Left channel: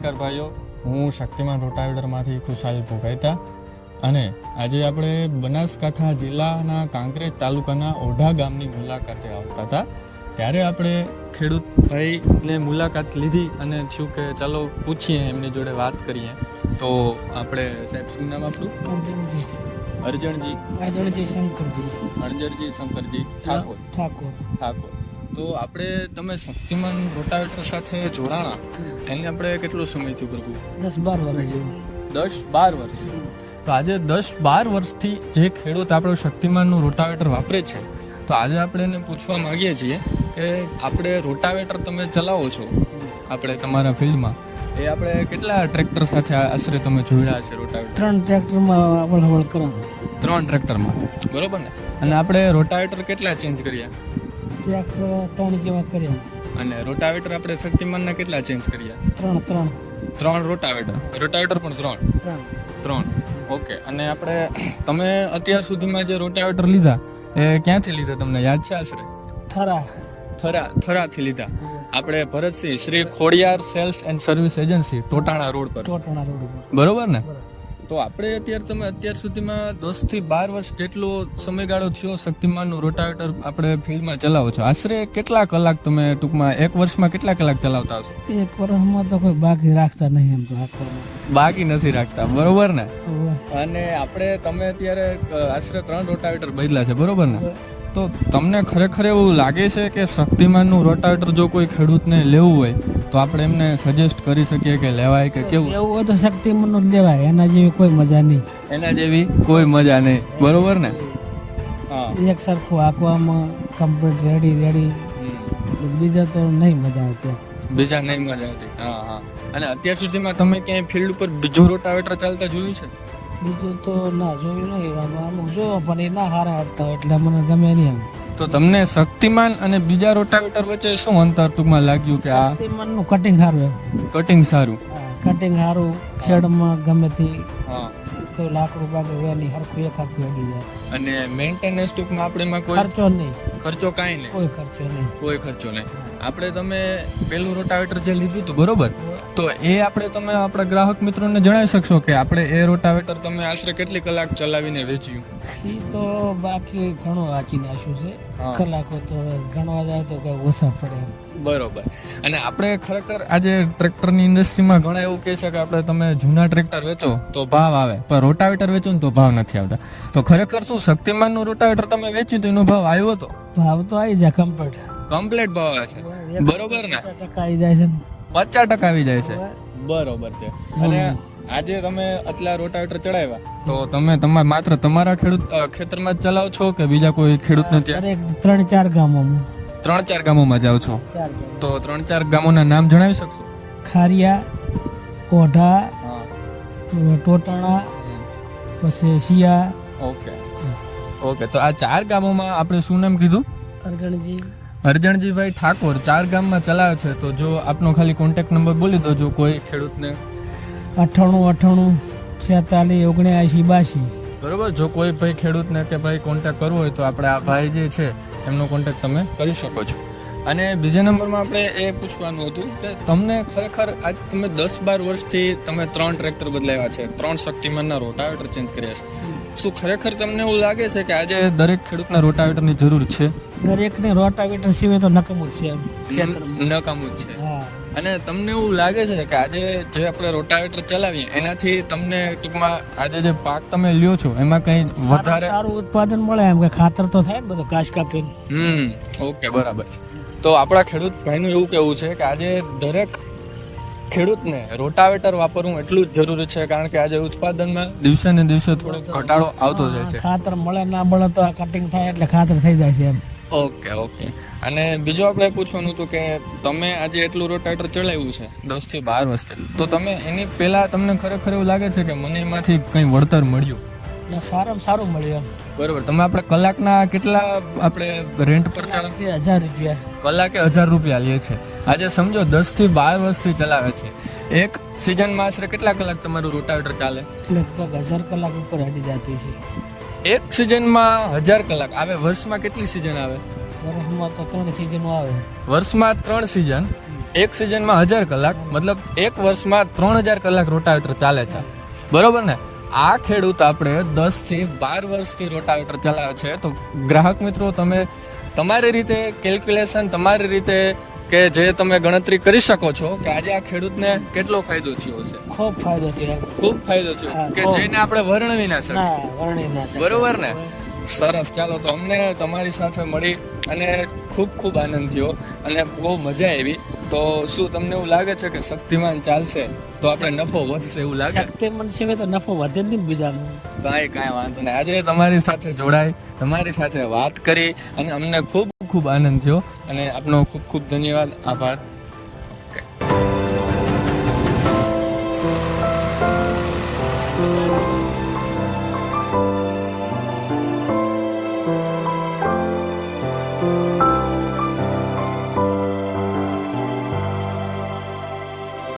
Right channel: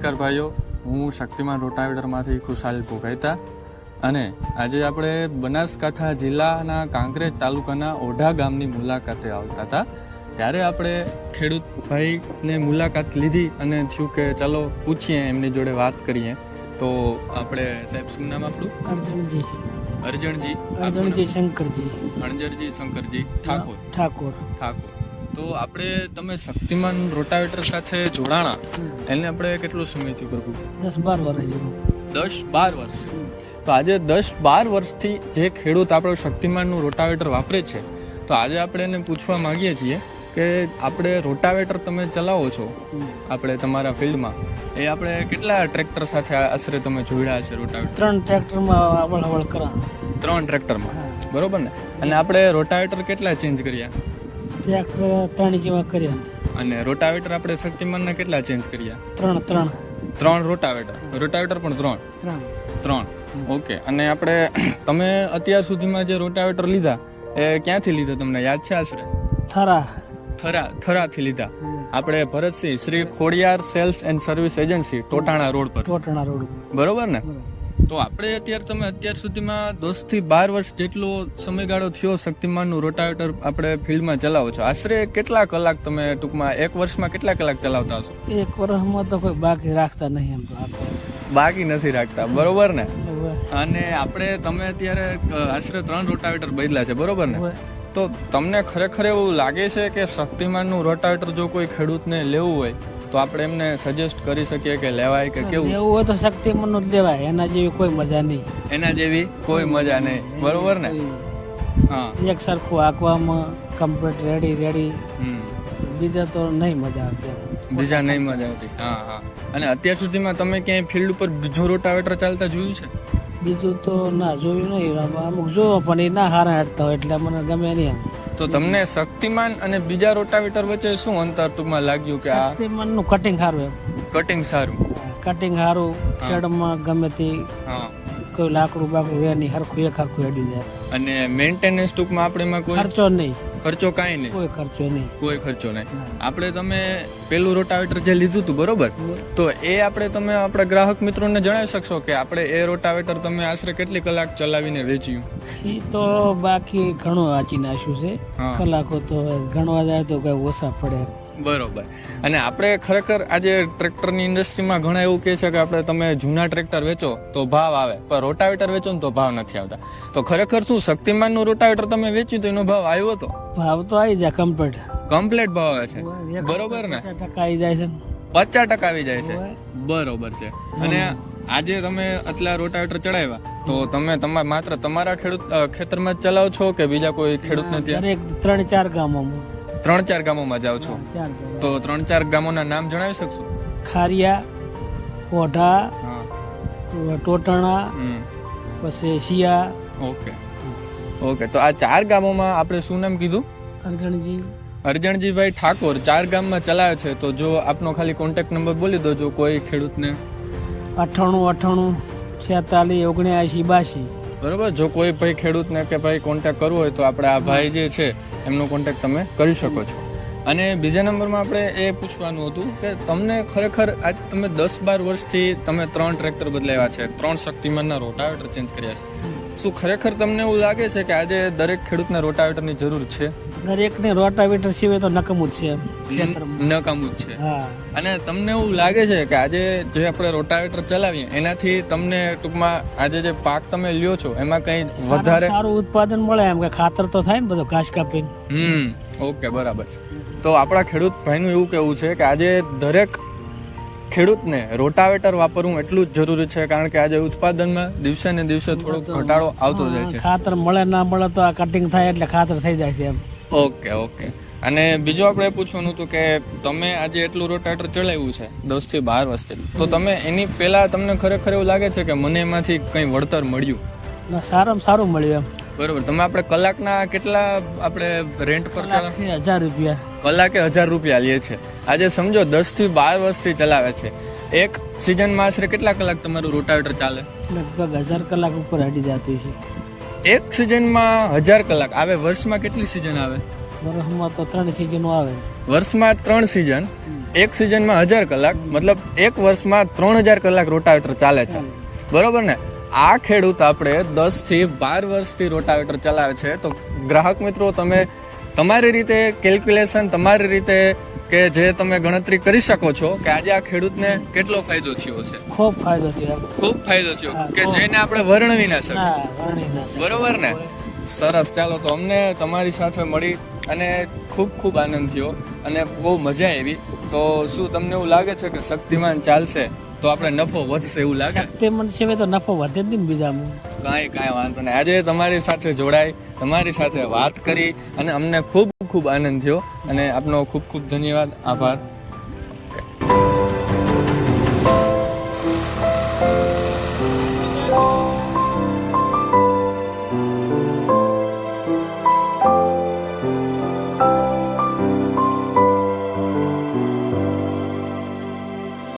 નમસ્કાર ભાઈઓ, હું શક્તિમાન રોટાવેટરમાંથી ખુશાલ ભોગાઈતા અને આજે આપણે બનાસકાંઠા જિલ્લાના કાંકરેજ તાલુકાના ઓઢા ગામની મુલાકાતે આવતા હતા. ત્યારે આપણે ખેડૂત ભાઈની મુલાકાત લીધી અને શું કે ચાલો પૂછીએ, એમની જોડે વાત કરીએ. તો આપણે સાહેબ શું નામ આપણું? અરજણજી શંકરજી ઠાકોર. તો આપણે તમે શક્તિમાન રોટાવેટર સાથે જોડાણા એને આપણે કેટલો સમય થયો પ્રભુ? 10-12 વર્ષ. તો આજે 10-12 વર્ષથી જે ખેડૂત આપણો શક્તિમાનનું રોટાવેટર વાપરે છે, તો આજે આપણે એને પૂછવા માંગીએ છીએ કે આપણે રોટાવેટર તમે ચલાવો છો આપણે તમારા ફિલ્ડમાં, એ આપણે કેટલા ટ્રેક્ટર સાથે આશરે તમે જોડ્યા છે રોટાવેટર? 3 ટ્રેક્ટરમાં અવળ કરા. 3 ટ્રેક્ટરમાં, બરોબર ને? અને આપણે રોટાવેટર કેટલા ચેન્જ કર્યા? ટ્રેક્ટર 3 જેવા કર્યા. અને રોટાવેટર આપણે શક્તિમાનના કેટલા ચેન્જ કર્યા? 3 રોટાવેટર પણ 3. ઓકે. અને આપણે તમે અત્યાર સુધીમાં જે રોટાવેટર લીધા એ ક્યાંથી લીધા તમને યાદ છે? આશરે થરાથી લીધા. આપણે Bharatsinh Shri Khodiyar sales and service agency Totana road પર, બરોબર ને? તો આપણે અત્યાર સુધીમાં 10-12 વર્ષ જેટલો સમયગાળો થયો શક્તિમાનનું રોટાવેટર આપણે ફિલ્ડમાં ચલાવો છો. આશરે કેટલા કલાક તમે ટૂંકમાં એક વર્ષમાં કેટલા કલાક ચલાવતા હશો? એક વર્ષમાં તો કોઈ બાકી રાખતા નહીં. એમ તો બાકી નથી રાખતા, બરોબર ને? અને તમે અત્યારે આશરે 3 રોટાવેટર બદલ્યા છે, બરોબર ને? તો તમને ખરેખર એવું લાગે છે કે શક્તિમાનનું રોટાવેટર જો કોઈ ખેડૂતને લેવું હોય તો આપણે એમને સજેસ્ટ કરી શકીએ કે લેવાય કે કેવું? લેવું હોય તો શક્તિમાનનું જ લેવાય, એના જેવી કોઈ મજા નહીં. બરોબર ને? હા, એક સરખું હાંકવામાં કમ્પ્લીટ રેડી. બીજા તો નહીં મજા આવતી. હા. અને અત્યાર સુધીમાં તમે ક્યાંય ફિલ્ડ ઉપર બીજું રોટાવેટર ચાલતા જોયું છે? બીજું તો ના જોયું નહીં. અમુક જોવો પણ એ ના હારા હાડતા હોય એટલે મને ગમે નહીં. તો તમને શક્તિમાન અને બીજા રોટાવેટર વચ્ચે શું અંતર ટૂંકમાં લાગ્યું કે આ શક્તિમાનનું કટિંગ સારું? કટિંગ સારું, ખેડમાં ગમે તે કોઈ લાકડું બાકડું હોય નહીં, હરખું એક આખું હેડી જાય. અને મેન્ટેનન્સ ટૂંકમાં આપણે એમાં કોઈ ખર્ચો નહીં. કોઈ ખર્ચો નહીં. આપણે તમે પેલું રોટાવેટર જે લીધું હતું, બરોબર? તો એ તમે આપણા ગ્રાહક મિત્રોને જણાવી શકશો કે આપણે એ રોટાવેટર તમે આશરે કેટલી કલાક ચલાવીને વેચ્યું? એ તો બાકી ઘણું વાંચી નાખ્યું છે. કલાકો તો ગણવા જાય તો કઈ ઓછા પડે. બરોબર. અને આપણે ખરેખર આજે ટ્રેક્ટરની ઇન્ડસ્ટ્રીમાં ઘણા એવું કહે છે કે આપણે તમે જૂના ટ્રેક્ટર વેચો તો ભાવ આવે, પણ રોટાવેટર વેચો ને તો ભાવ નથી આવતા. તો ખરેખર શું શક્તિમાનનું રોટાવેટર તમે વેચ્યું તો એનો ભાવ આવ્યો હતો? ભાવ તો આવી જાય કમ્પ્લીટ ભાવ આવે છે, બરોબર ને? 50% આવી જાય છે. 50% આવી જાય છે, બરોબર છે. અને આજે તમે આટલા રોટાવેટર ચડાવ્યા તો તમે માત્ર તમારા ખેતરમાં જ ચલાવો છો કે બીજા કોઈ ખેડૂતને ત્યાં? 3-4 ગામોમાં. 3-4 ગામોમાં જાવ છો? તો 3-4 ગામોના નામ જણાવી શકશો? ખારિયા, ઓઢા, ટોટાણા, પછી શિયા. ઓકે. તો આ 4 ગામોમાં આપણે શું નામ કીધું? અરજણજીભાઈ ઠાકોર 4 ગામમાં ચલાવે છે. તો જો આપનો ખાલી કોન્ટેક્ટ નંબર બોલી દો જો કોઈ ખેડૂતને. 98-46-79-82. બરોબર. જો કોઈ ભાઈ ખેડૂતને કે ભાઈ કોન્ટેક્ટ કરવો હોય તો આપણે આ ભાઈ જે છે એમનો કોન્ટેક્ટ તમે કરી શકો છો. અને બીજા નંબરમાં આપણે એ પૂછવાનું હતું કે તમને ખરેખર આજ તમે 10-12 વર્ષથી તમે 3 ટ્રેક્ટર બદલાવ્યા છે, 3 શક્તિમાનના રોટાવેટર ચેન્જ કર્યા છે. શું ખરેખર તમને એવું લાગે છે કે આજે દરેક ખેડૂતને રોટાવેટરની જરૂર છે? દરેકને રોટાવેટર સિવાય તો નકામું જ છે. અને તમને એવું લાગે છે કે આજે જે આપણે રોટાવેટર ચલાવીએ એનાથી તમને ટૂંકમાં આજે જે પાક તમે લ્યો છો એમાં કઈ વધારે સારું ઉત્પાદન મળે? એમ કે ખાતર તો થાય ને બધો ઘાસ કાપીને. ઓકે, બરાબર છે. તો આપણા ખેડૂત ભાઈનું એવું કહેવું છે કે આજે દરેક ખેડૂતને રોટાવેટર વાપરવું એટલું જ જરૂરી છે, કારણ કે આજે ઉત્પાદનમાં દિવસે ને દિવસે થોડો ઘટાડો આવતો જાય છે. ખાતર મળે ના મળે તો આ કટિંગ થાય એટલે ખાતર થઈ જાય છે. એમ. ઓકે. અને બીજું આપણે પૂછવાનું હતું કે તમે આજે એટલું રોટાવેટર ચલાવ્યું છે 10-12 વર્ષથી, તો તમે એની પહેલા તમને ખરેખર એવું લાગે છે કે મને એમાંથી કંઈ વળતર મળ્યું? સારામાં સારું મળ્યું. બરોબર. તમે આપણે કલાકના કેટલા આપણે રેન્ટ પર ચલાવે? 1000 રૂપિયા કલાકે. 1000 રૂપિયા લે છે. આજે સમજો 10-12 વર્ષથી ચલાવે છે. એક સિઝનમાં આશરે કેટલા કલાક તમારું રોટાવેટર ચાલે? લગભગ 1000 કલાક ઉપર હટી જતું છે. એક સિઝનમાં 1000 કલાક આવે. વર્ષમાં કેટલી સિઝન આવે? વર્ષમાં તો 3 સિઝનો આવે. વર્ષમાં 3 સિઝન, એક સિઝનમાં 1000 કલાક, મતલબ એક વર્ષમાં 3000 કલાક રોટાવેટર ચાલે છે, બરોબર ને? આ ખેડૂત આપણે 10 થી 12 વર્ષથી રોટાવેટર ચલાવે છે. તો ગ્રાહક મિત્રો, તમે તમારી રીતે કેલ્ક્યુલેશન, તમારી રીતે કે જે તમે ગણતરી કરી શકો છો કે આજે આ ખેડૂતને કેટલો ફાયદો થયો છે. ખૂબ ફાયદો થયો. ખૂબ ફાયદો થયો કે જેને આપણે વર્ણવી ના શકીએ. વર્ણવી ના શકીએ. બરોબર ને? સરસ. ચાલો, તો અમને તમારી સાથે મળી અને ખૂબ આનંદ થયો અને બહુ મજા આવી. તો શું તમને એવું લાગે છે કે શક્તિમાન ચાલશે તો આપણે નફો વધશે એવું લાગે? શક્તિમાન સિવાય તો નફો વધે જ નહીં બીજામાં. કાંઈ વાંધો નહીં. આજે તમારી સાથે જોડાઈ, તમારી સાથે વાત કરી અને અમને ખૂબ આનંદ થયો અને આપનો ખૂબ ધન્યવાદ, આભાર.